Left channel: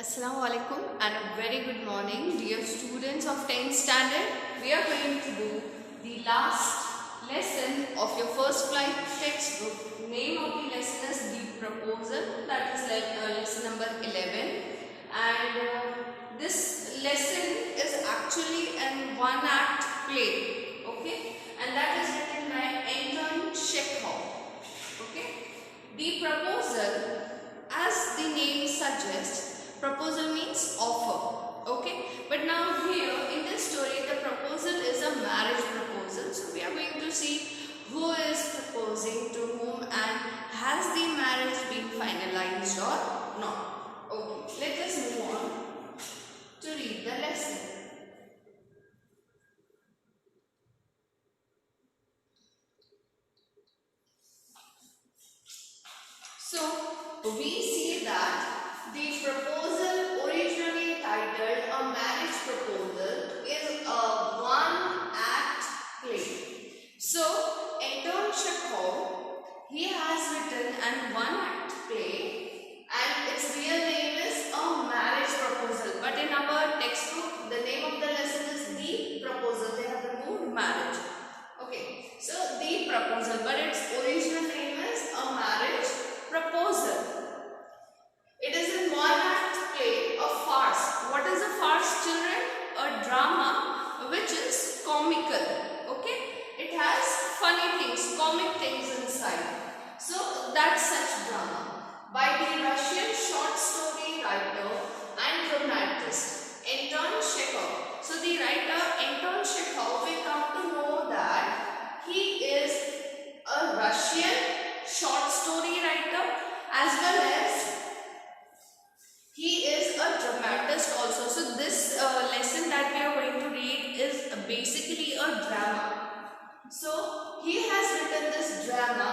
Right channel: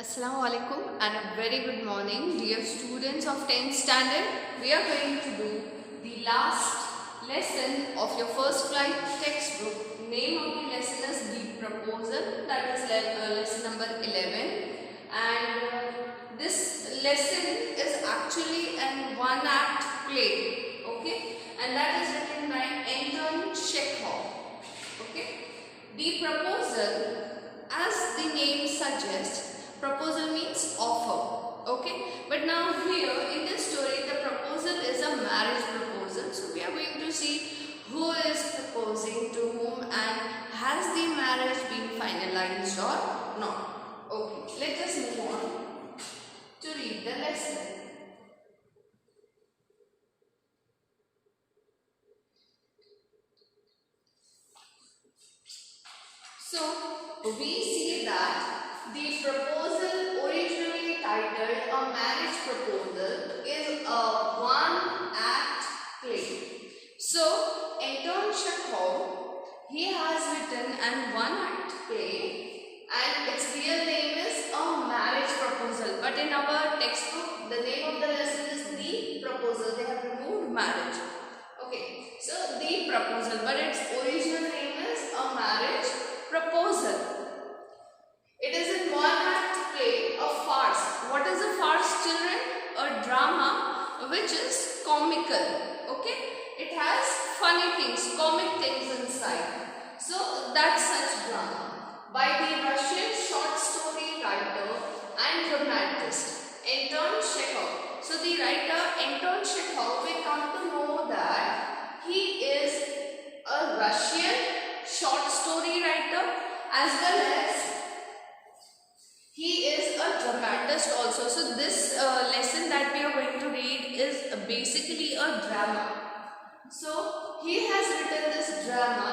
Assalamu alaikum and a very good morning, dear students of 10th standard. We are going to do the last lesson of your first flight textbook. Name of the lesson is the proposal, that is lesson number 11. And this lesson is actually an one-act play, okay? And that is written by Anton Chekhov, okay? The proposal, as the name suggests, proposal means offer, okay? But now here in this story, the proposal is a marriage proposal. So we are going to see who is proposing to whom and has the marriage been finalized or not. Okay, let us move on to read the lesson. So we see that the proposal, originally titled A Marriage Proposal, is a one-act play. So Anton Chekhov, he has written an one-act play and its real name is A Marriage Proposal. But in our textbook, the name of the lesson is The Proposal. They have removed marriage. Okay, so The Proposal, but its original name is A Marriage Proposal. It is in one-act play, a farce. What is a farce, children? A drama which is comical. Okay? It has funny things, comic things inside. So that's such drama. By the Russian short story writer and dramatist Anton Chekhov. So the writer Anton Chekhov, we come to know that he is a Russian short story writer as well as he is a dramatist also. So this lesson that we are going to read is basically a drama. So he has written this drama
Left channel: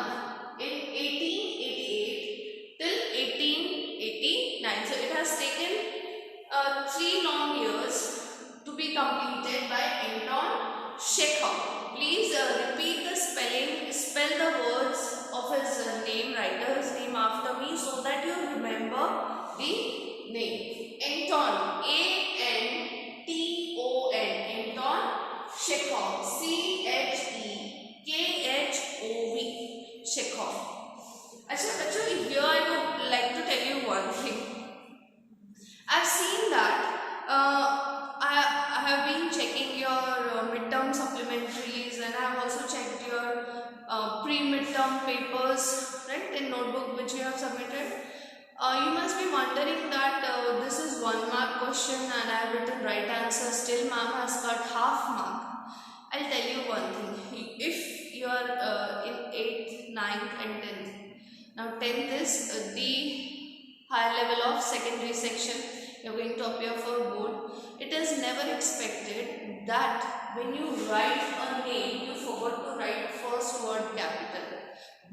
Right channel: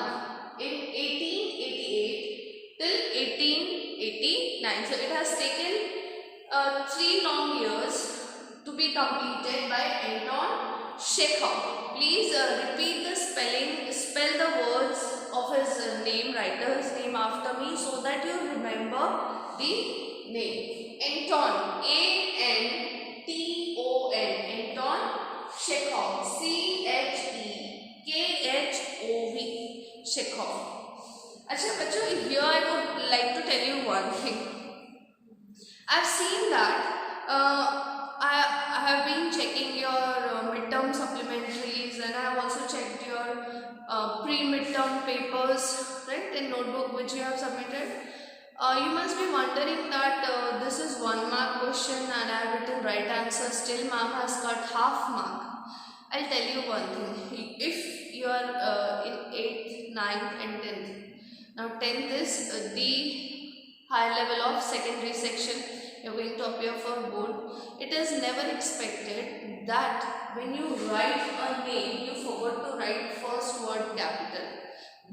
in 1888 till 1889. So it has taken 3 long years to be completed by Anton Chekhov. Please repeat the spell the words of his name, writer's name after me so that you remember the name. Anton, A-N-T-O-N, Anton Chekhov, C-H-E-K-H-O-V, Chekhov. Actually, here I would like to tell you one thing. I've seen that I have been checking your midterm supplementaries and I have also checked your pre-midterm papers, right, in notebook which you have submitted. You must be wondering that this is 1 mark question and I have written right answer, still ma'am has cut half mark. I'll tell you one thing, if you are in 8th, 9th and 10th, now 10th is the higher level of secondary section, you are going to appear for board. It is never expected that when you write a name, you forgot to write first word capital.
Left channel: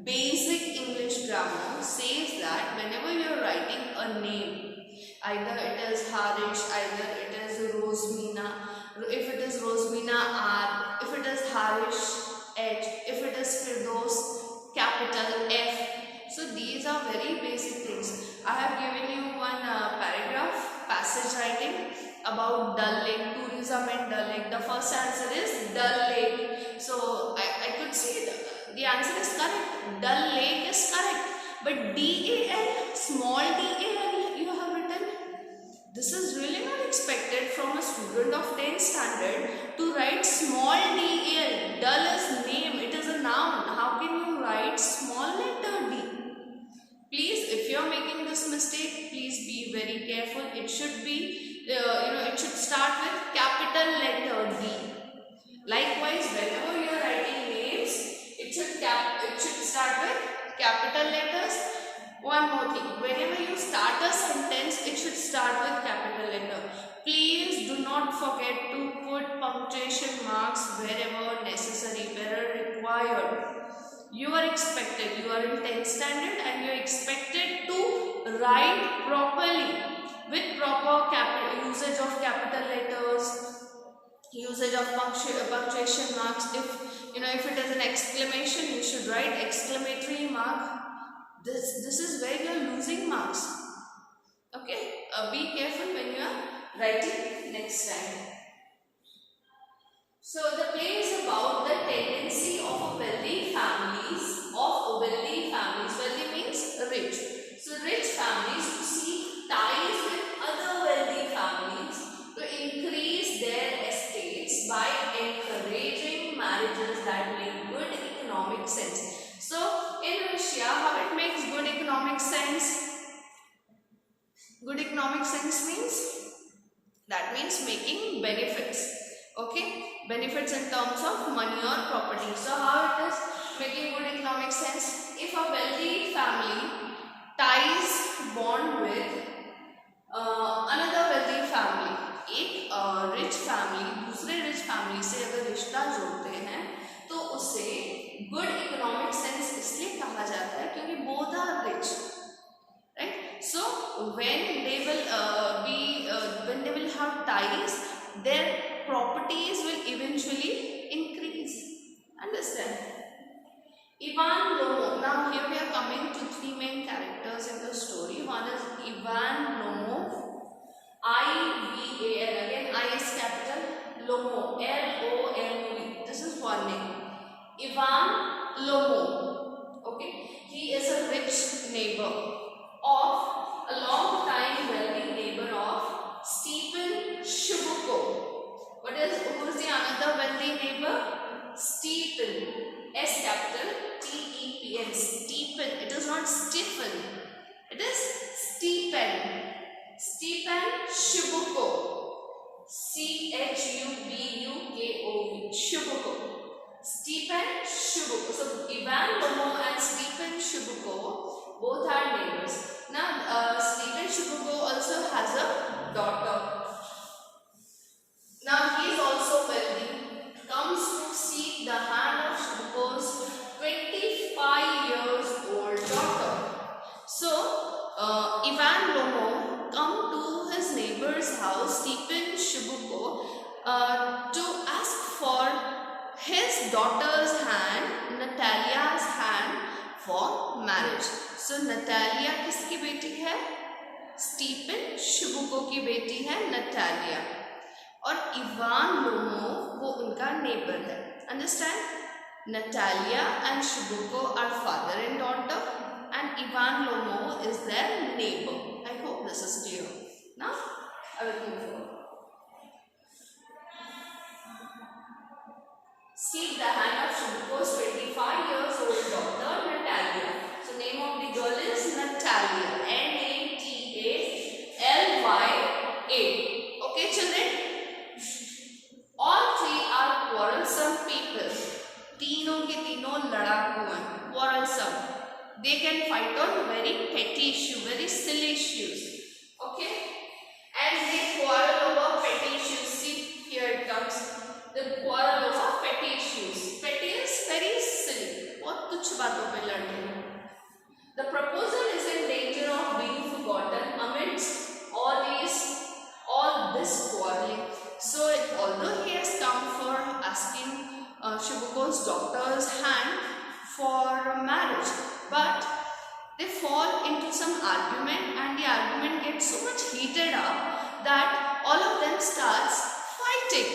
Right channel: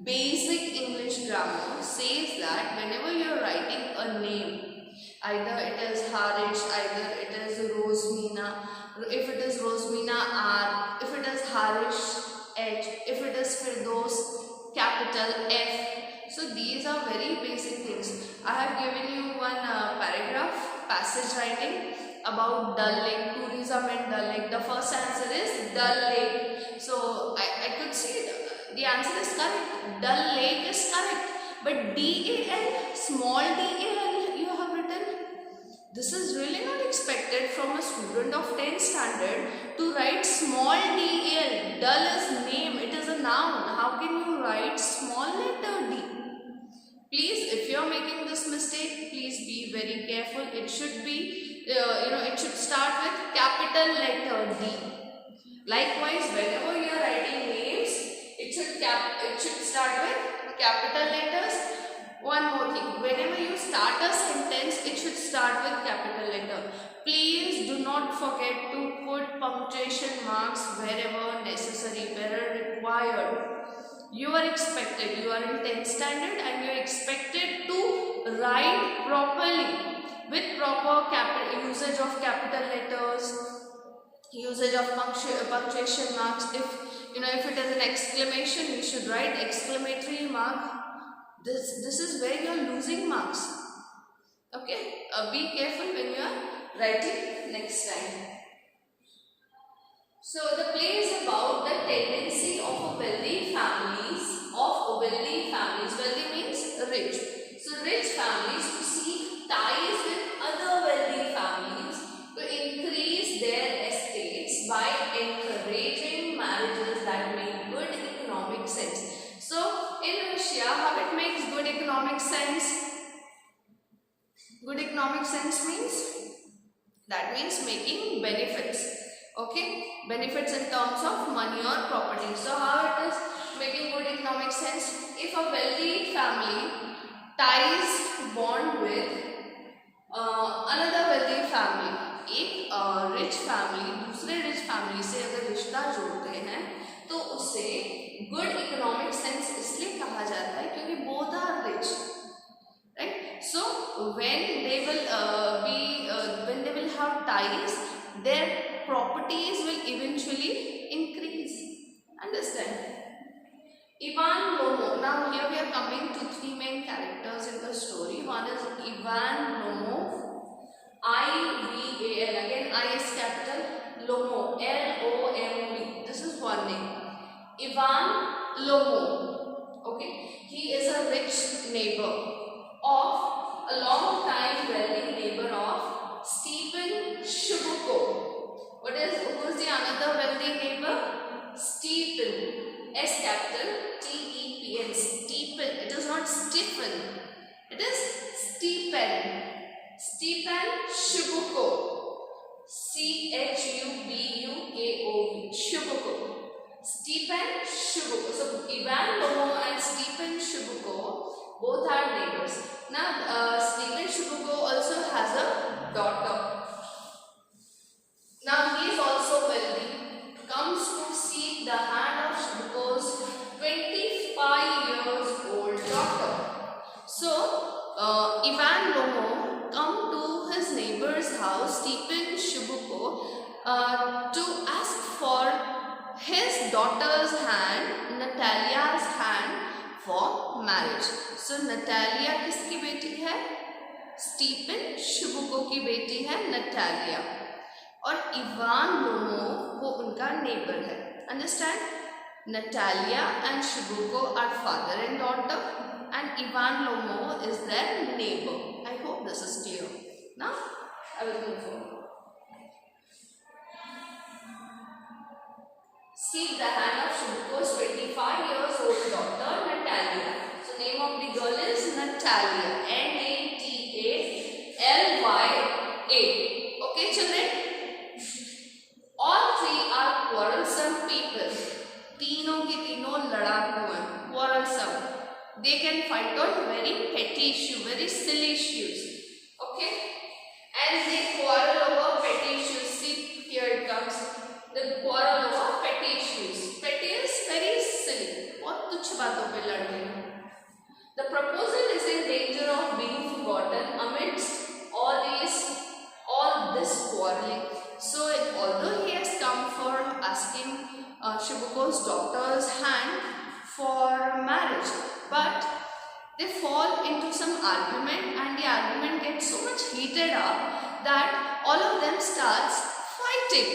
Basic English grammar says that whenever you are writing a name, either it is Harish, either it is Rosmina, if it is Rosmina R, if it is Harish H, if it is Firdos capital F. So these are very basic things. I have given you one paragraph, passage writing about Dal Lake, tourism in Dal Lake. The first answer is Dal Lake. So I could see the answer is correct. Dal Lake is correct. But D-A-L, small D-A-L you have written. This is really not expected from a student of 10th standard to write small D-A-L. Dal is name, it is a noun. How can you write small letter D? Please, if you are making this mistake, please be very careful. It should be, it should start with capital letter D. Likewise, whenever you are writing names, it should start with capital letters. One more thing, whenever you start a sentence, it should start with capital letter. Please do not forget to put punctuation marks wherever necessary, wherever required. You are expected, you are in 10th standard and you are expected to write properly with proper usage of capital letters, usage of punctuation marks. If it is an exclamation, you should write exclamatory mark. This is where you are losing marks. Okay, be careful when you are writing next time. So the play is about the tendency of wealthy families. Wealthy means rich. So rich families to seek ties with other wealthy families to increase their estates by encouraging marriages that make good economic sense. So in Russia, how it makes good economic sense? Good economic sense means making benefits. Okay, benefits in terms of money or property. So how it is making good economic sense? If a wealthy family ties bond with another wealthy family, एक rich family दूसरे rich family से अगर रिश्ता जोड़ते हैं तो उसे good economic sense इसलिए कहा जाता है क्योंकि both are rich, right. So when they will have ties, their properties will eventually increase. Understand? Ivan Lomov. Now here we are coming to three main characters in the story. One is Ivan Lomov, I-V-A-N. Again, I is capital. Lomov, L-O-M-O-V. This is one name. Ivan Lomov. Okay, he is a rich neighbor of a long time wealthy neighbor of Stephen Shubukov. Who is the another wealthy neighbor? Stephen. S capital T-E-P-N. Stephen. It is not Stephen. It is Stephen. Stephen Shubukov. C-H-U-B-U-K-O-V. Shubukov. Stephen Shubukov. So Ivan Lomov and Stephen Shubukov both are neighbors. Now Stephen Shubukov also has a daughter. Now he is also wealthy. Comes to seek the hand of Shubukov's 25 years old daughter. So Ivan Lomov come to his neighbor's house, Stephen Shubukov, to ask for his daughter's hand, Natalia's hand, for marriage. So Natalia किसकी बेटी है? Stephen Shubukov की बेटी है Natalia. और Ivan Lomov वो उनका neighbour है. Understand? Natalia and Chubukov are father and daughter and Ivan Lomov is their neighbour. I hope this is clear. Now I will move forward. Seek the hand of Shubuko's 25 years old daughter Natalia. So name of the girl is Natalia. N-A-T-A-L-Y-A. Okay children? All three are quarrelsome people. तीनों के तीनों लड़ाकू हैं. Quarrelsome. They can fight on very petty issue, very silly issues. Okay? And they quarrel over petty issues. See, here it comes. They quarrel over petty issues. Petty is very silly. बहुत तुच्छ बातों पे लड़ते हैं. The proposal is in danger of being forgotten amidst all this quarreling. So although he has come for asking Shubuko's daughter's hand for marriage, but they fall into some argument and the argument gets so much heated up that all of them starts fighting.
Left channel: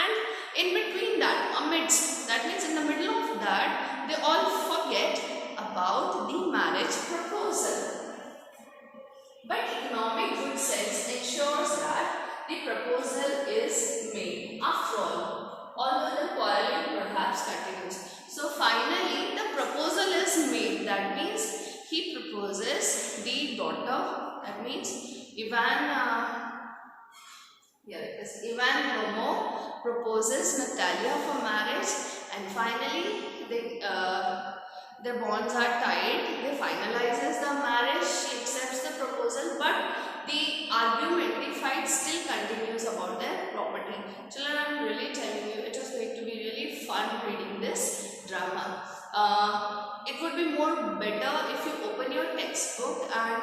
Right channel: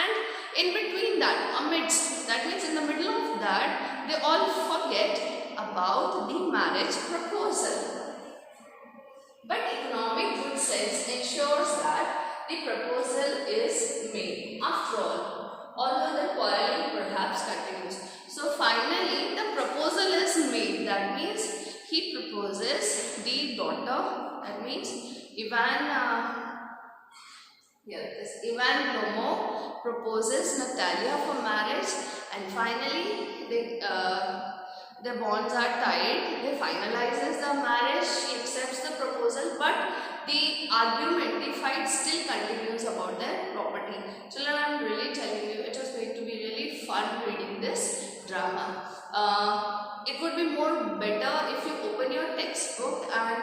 And in between that, amidst, that means in the middle of that, they all forget about the marriage proposal. But economic good sense ensures that the proposal is made. After all, although the quarreling perhaps continues. So finally the proposal is made. That means he proposes the daughter. That means Ivan Lomov proposes Natalia for marriage, and finally their bonds are tied. They finalizes the marriage. She accepts the proposal, but the argument, the fight still continues about their property. Children, I am really telling you, it was going to be really fun reading this drama. It would be more better if you open your textbook and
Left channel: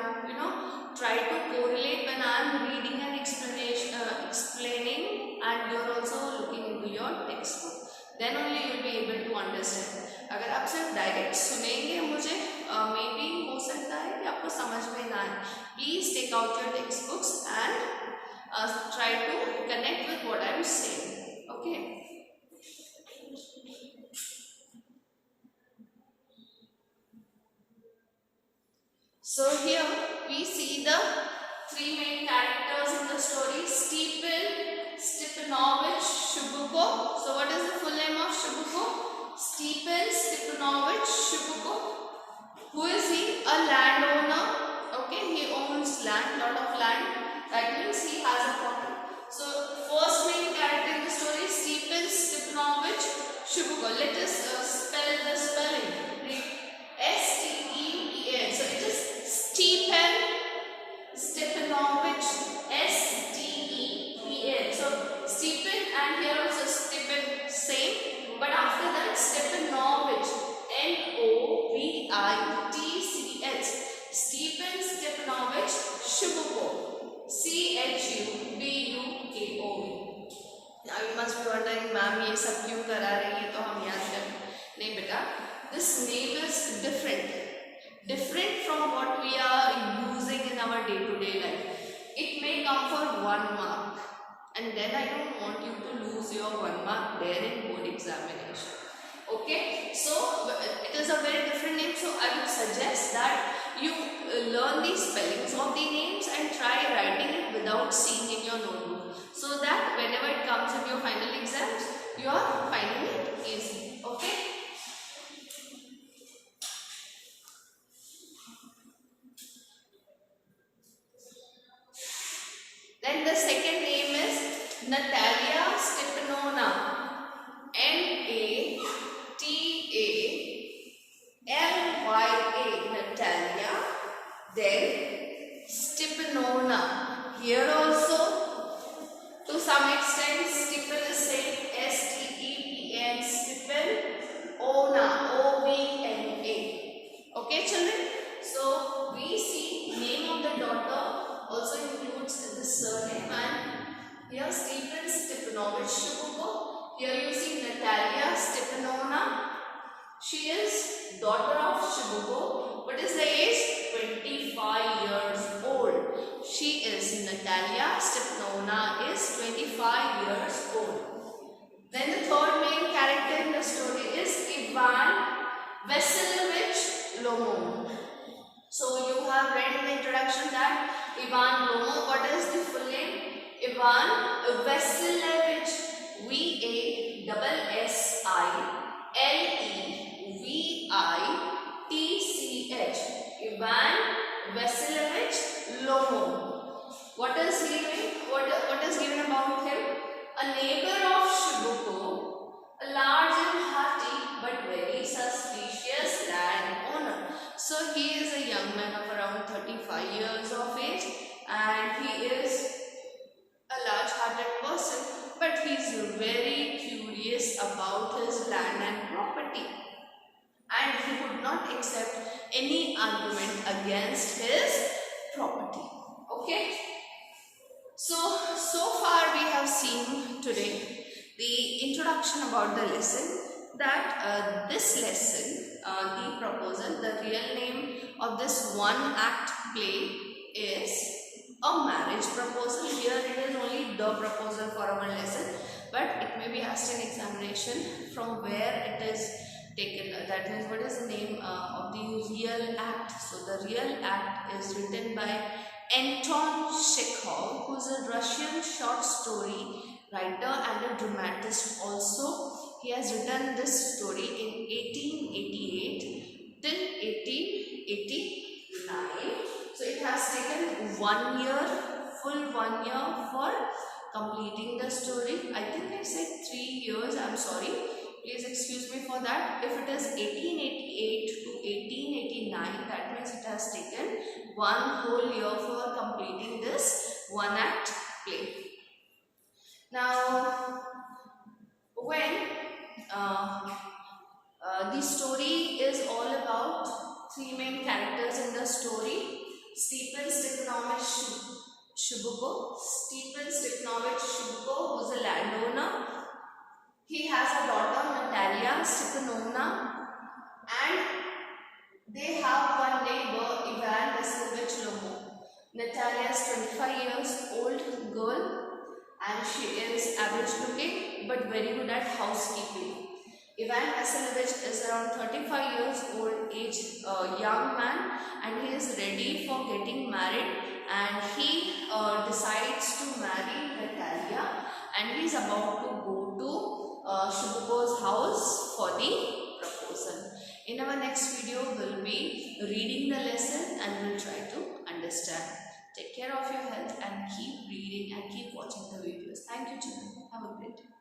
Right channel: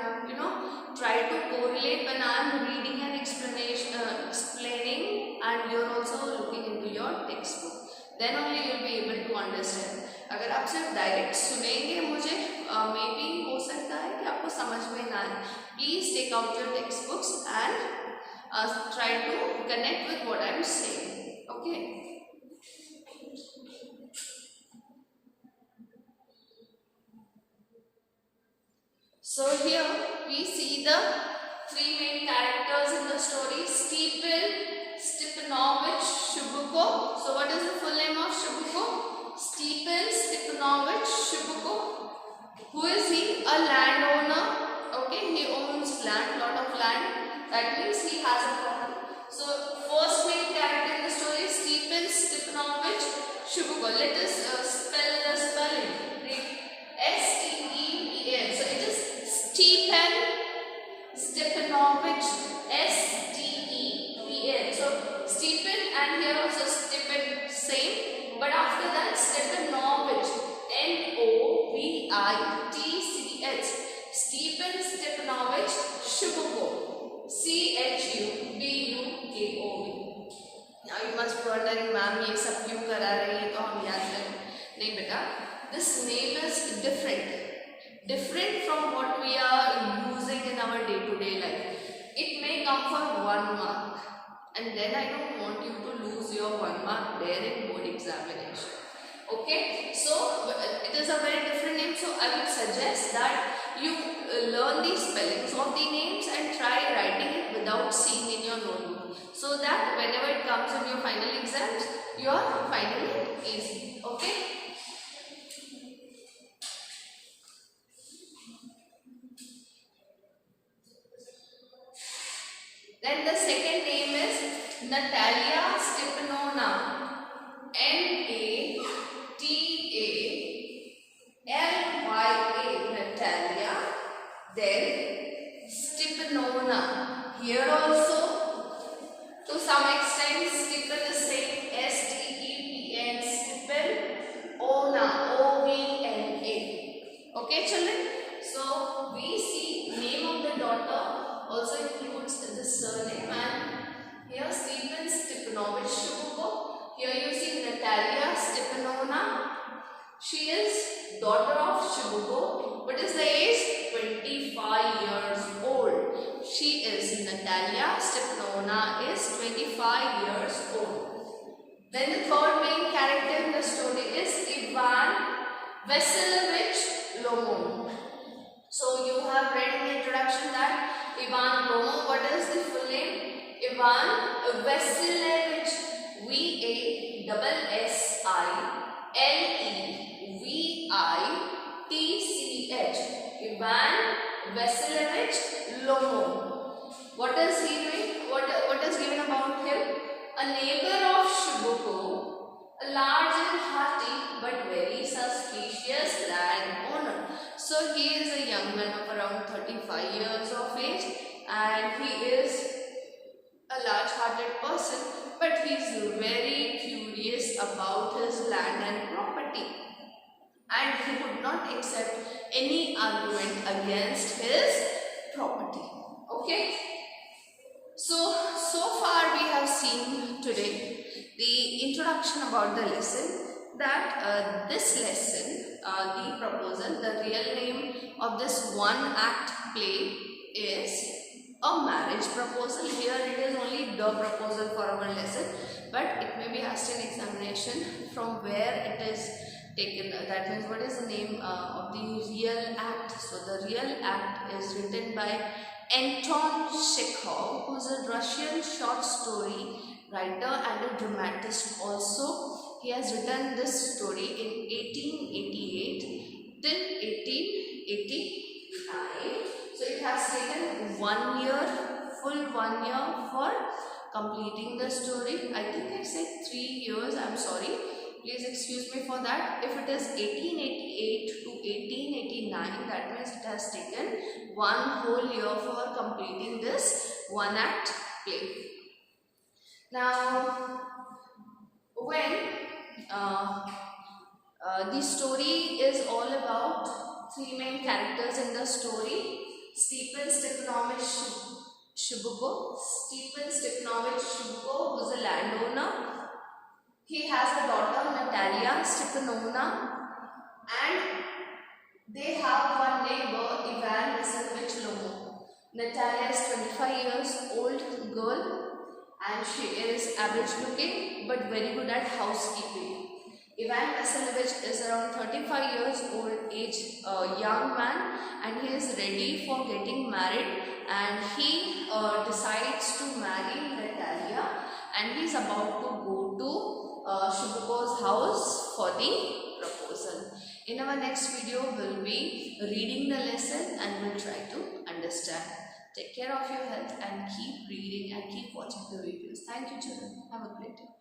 try to correlate when I am reading and explaining, and you are also looking into your textbook. Then only you will be able to understand. अगर आप सिर्फ direct सुनेंगे मुझे may be हो सकता है कि आपको समझ में ना आए. Please take out your text books and try to connect with what I am saying. Okay. So here we see the three main characters in the story: Stephen, Stepanovich, Shubuko. So what is the full name of Shubuko? Stephen Stepanovich Shubuko. Who is he? A landowner. Okay, he owns land, lot of land. That means he has a property. So first main character in the story is Stephen Stepanovich Shubuko. Let us spell the spelling. Read. S-T-E-P-N. So it is Stephen Stepanovich, S-T-E-P-N. So Stephen and here also Stephen same, but after that Stepanovich, N-O-V-I-T-C-H. Stephen Stepanovich Shubuko, C-H-U-B-U-K-O-V. Now you must be wondering, ma'am ये सब क्यों करा रही है, तो हम याद रखें. नहीं बेटा, this name is different from what we are using in our day-to-day life. It may come for 1 mark, and then I don't want you to lose your 1 mark there in board examination. Okay, so it is a very different name, so I would suggest that you learn the spellings of the names and try writing it without seeing in your notebook, so that whenever it comes in your final exams, you are finding it easy. Okay. Then the second name is Natalia Stepanovna, N-A-T-A-L-Y-A, Natalia. Then Stepanovna. Here also, to some extent, Stephen is same, S-T-E-P-N, Stephen, Ona, O-V-N-A. Okay, children? So we see name of the daughter also includes the surname, and here Stephen Stepanovich Shubuko. Here you see Natalia Stepanovna. She is daughter of Shubuko. What is the age? 25 years old. She is Natalia Stepanovna is 25 years old. Then the third main character in the story is Ivan Vasilyevich Lomov. So you have read in the introduction that Ivan Lomov, what is the full name? Ivan Vasilyevich, V-A-S-S-I-L-E-V-I-T-C-H. Ivan Vasilyevich Lomov. What is he doing? What is given about him? A neighbor of Shubuko, a large and hearty but very suspicious landowner. So he is a young man of around 35 years of age, and he is a large-hearted person, but he is very curious about his land and property, and he would not accept any argument against his property. Okay. So far we have seen today the introduction about the lesson, that this lesson, the proposal, the real name of this one act play is a marriage proposal. Here it is only the proposal for our lesson, but it may be asked in examination from where it is taken. That means what is the name of the real act. So the real act is written by Anton Chekhov, who is a Russian short story writer and a dramatist also. He has written this story in 1888 till 1889. So it has taken 1 year, full 1 year for completing the story. I think I said 3 years, I'm sorry. Please excuse me for that. If it is 1888 to 1889, that means it has taken 1 whole year for completing this one act play. Now, when the story is all about 3 main characters in the story: Stephen Stepanovich Shubuko. Stephen Stepanovich Shubuko, who is a landowner. He has a daughter, Natalia Stepanovna, and They have one neighbor, Ivan Vasilevich Lomo. Natalia is 25 years old girl and she is average looking but very good at housekeeping. Ivan Vasilevich is around 35 years old age young man and he is ready for getting married, and he decides to marry Natalia, and he is about to go to Shubha's house for the proposal. In our next video, we'll be reading the lesson and we'll try to understand. Take care of your health and keep reading and keep watching the videos. Thank you, children. Have a great day.